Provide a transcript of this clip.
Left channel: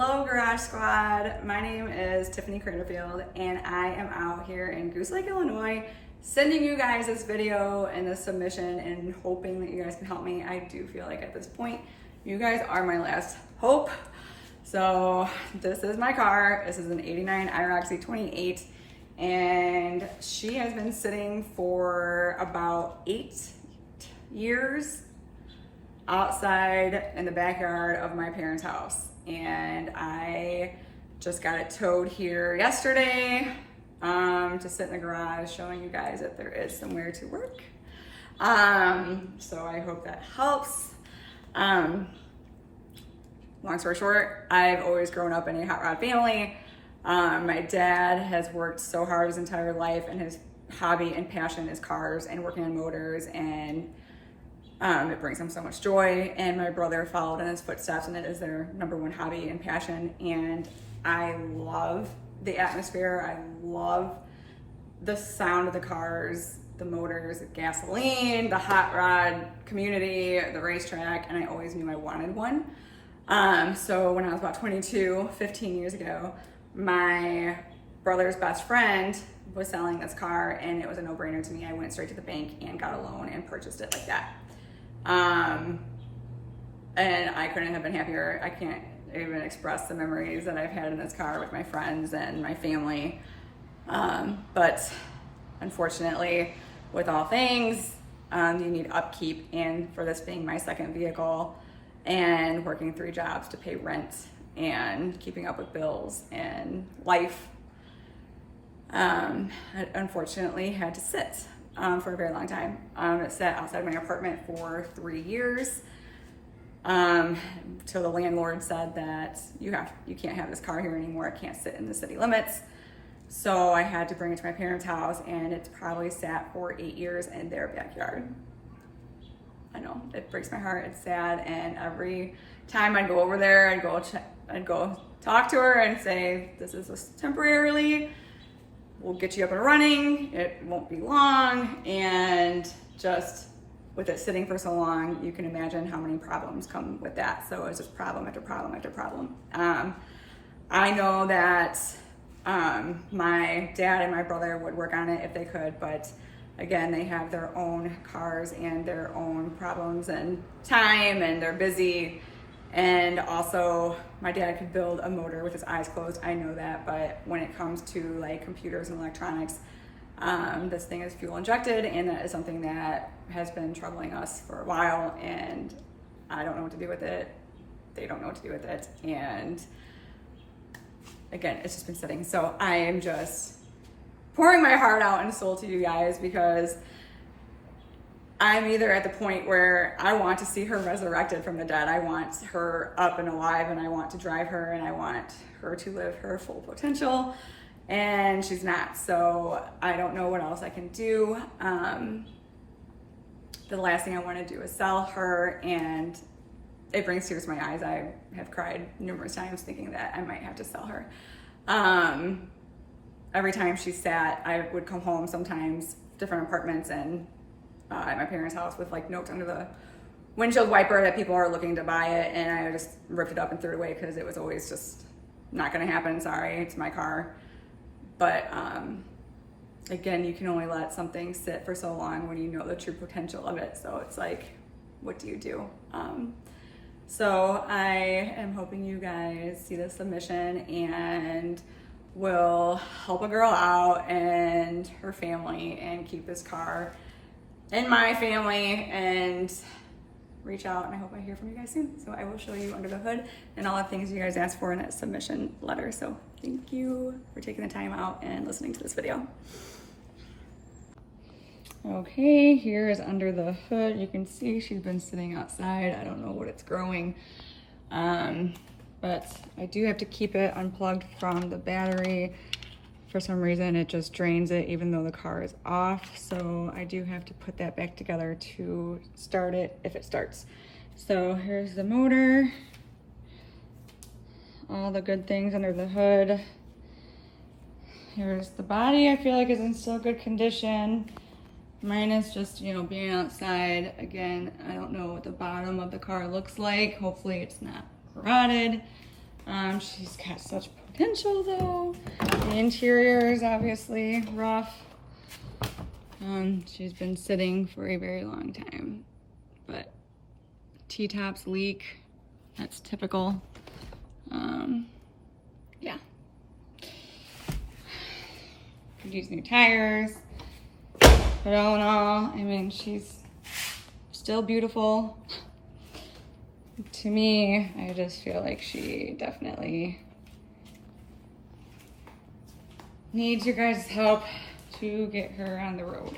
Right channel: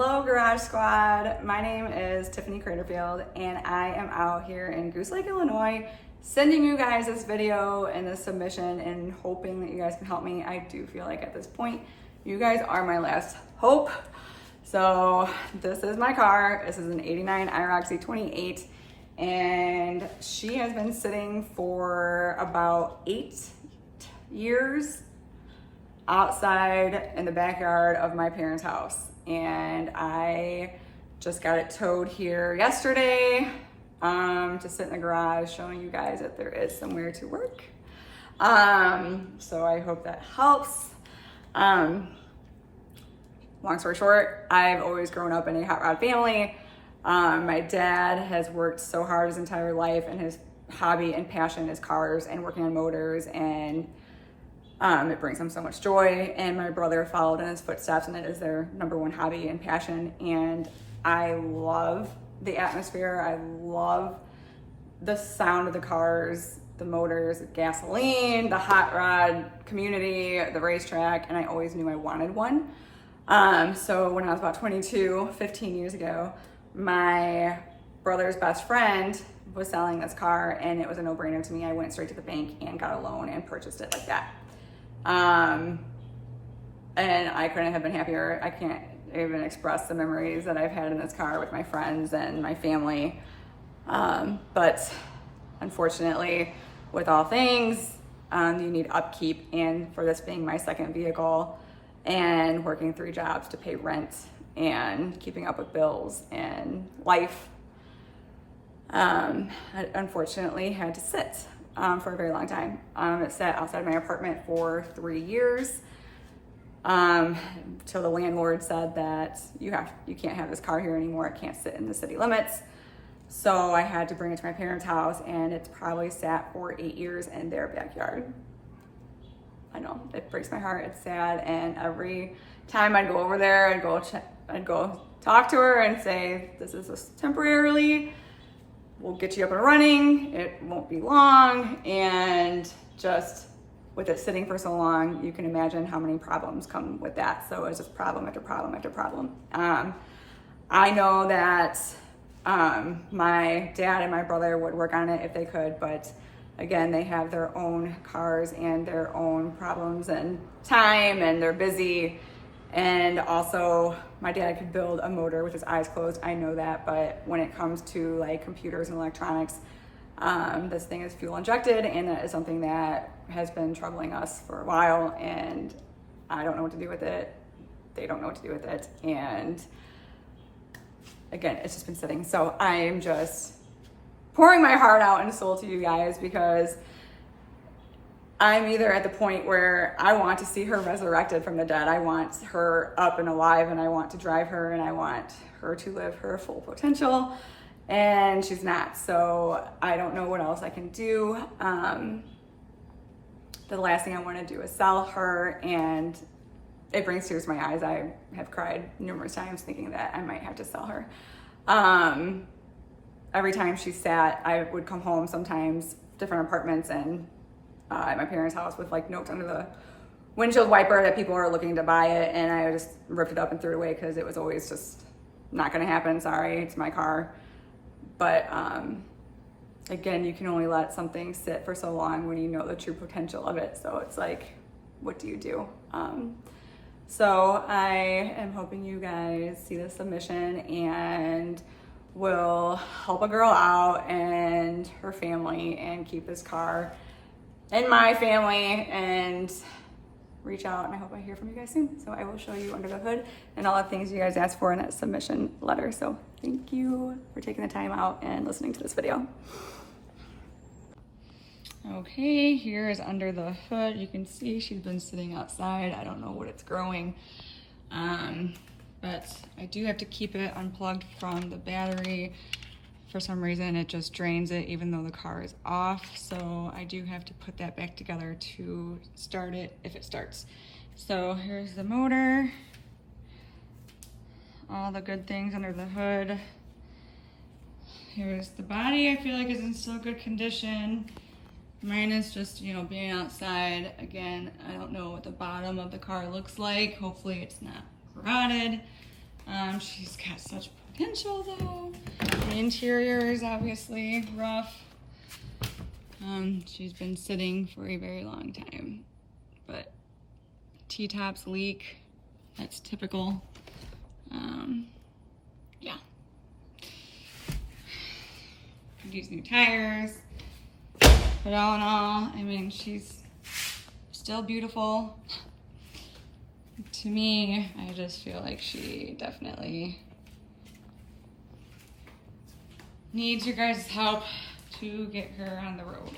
Hello Garage Squad, my name is Tiffany Craterfield and I am out here in Goose Lake, Illinois, sending you guys this video and this submission and hoping that you guys can help me. I do feel like at this point, you guys are my last hope. So this is my car. This is an 89 IROC Z28 and she has been sitting for about 8 years outside in the backyard of my parents' house. And I just got it towed here yesterday to sit in the garage showing you guys that there is somewhere to work. So I hope that helps. Long story short, I've always grown up in a hot rod family. My dad has worked so hard his entire life and his hobby and passion is cars and working on motors, and it brings them so much joy, and my brother followed in his footsteps and it is their #1 hobby and passion. And I love the atmosphere. I love the sound of the cars, the motors, the gasoline, the hot rod community, the racetrack, and I always knew I wanted one. So when I was about 22, 15 years ago, my brother's best friend was selling this car and it was a no-brainer to me. I went straight to the bank and got a loan and purchased it like that. And I couldn't have been happier. I can't even express the memories that I've had in this car with my friends and my family. But unfortunately, with all things, you need upkeep, and for this being my second vehicle and working 3 jobs to pay rent and keeping up with bills and life, I unfortunately had to sit for a very long time. It sat outside my apartment for 3 years. So the landlord said that you can't have this car here anymore. It can't sit in the city limits. So I had to bring it to my parents' house, and it's probably sat for 8 years in their backyard. I know, it breaks my heart. It's sad, and every time I'd go over there, I'd go talk to her and say, "This is just temporarily. We'll get you up and running. It won't be long." And just with it sitting for so long, you can imagine how many problems come with that. So it's just problem after problem after problem. I know that my dad and my brother would work on it if they could, but again, they have their own cars and their own problems and time, and they're busy. And also, my dad could build a motor with his eyes closed. I know that, but when it comes to like computers and electronics, this thing is fuel injected, and that is something that has been troubling us for a while, and I don't know what to do with it. They don't know what to do with it. And again, it's just been sitting. So I am just pouring my heart out and soul to you guys, because I'm either at the point where I want to see her resurrected from the dead. I want her up and alive, and I want to drive her, and I want her to live her full potential, and she's not. So I don't know what else I can do. The last thing I want to do is sell her, and it brings tears to my eyes. I have cried numerous times thinking that I might have to sell her. Every time she sat, I would come home sometimes, different apartments, and at my parents' house with like notes under the windshield wiper that people are looking to buy it, and I just ripped it up and threw it away because it was always just not gonna happen. Sorry, it's my car. But again, you can only let something sit for so long when you know the true potential of it. So it's like, what do you do? So I am hoping you guys see the submission and will help a girl out and her family and keep this car in my family, and reach out, and I hope I hear from you guys soon. So I will show you under the hood and all the things you guys asked for in that submission letter. So thank you for taking the time out and listening to this video. Okay, here is under the hood. You can see she's been sitting outside. I don't know what it's growing, but I do have to keep it unplugged from the battery. For some reason, it just drains it even though the car is off. So I do have to put that back together to start it if it starts. So here's the motor, all the good things under the hood. Here's the body. I feel like is in still good condition. Mine is just, you know, being outside. Again, I don't know what the bottom of the car looks like. Hopefully it's not corroded. She's got such potential though. The interior is obviously rough. She's been sitting for a very long time, but T-tops leak. That's typical. Yeah. Could use new tires. But all in all, I mean, she's still beautiful. To me, I just feel like she definitely needs your guys' help to get her on the road.